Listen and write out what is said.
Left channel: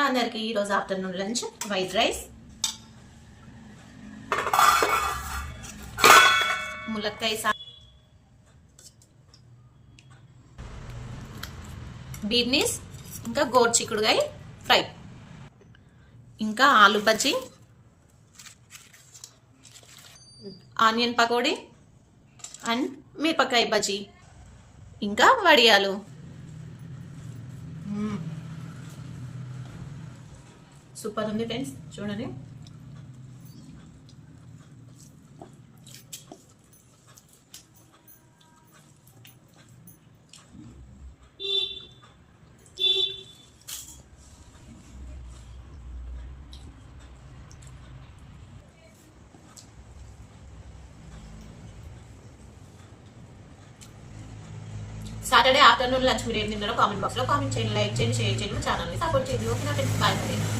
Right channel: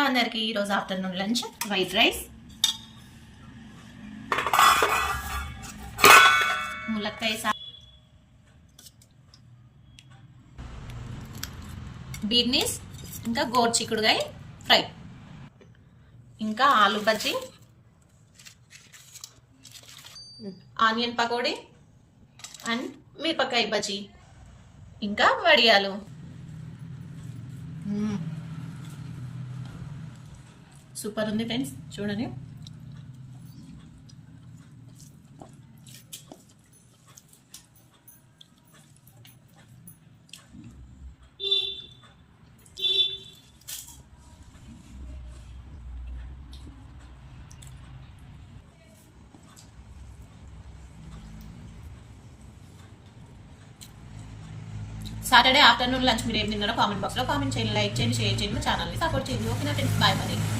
హలో అందరికి ఈరోజు afternoon lunch white rice, ములక్కాయ బీర్నీస్, ఇంకా గోరు చిక్కుడుగాయ ఫ్రై, ఇంకా ఆలు బజ్జీ, ఆనియన్ పకోడీ అండ్ మిరపకాయ బజ్జీ, ఇంకా వడియాలు. సూపర్ ఉంది ఫ్రెండ్స్, చూడండి. సాటర్డే ఆఫ్టర్నూన్ లంచ్ మీరు ఏం తిన్నారో కామెంట్ బాక్స్ లో కామెంట్ చేయండి, లైక్ చేయండి, షేర్ చేయండి, మా ఛానల్ ని సపోర్ట్ చేయండి. ఓకేనా ఫ్రెండ్స్, బాయ్ మరి.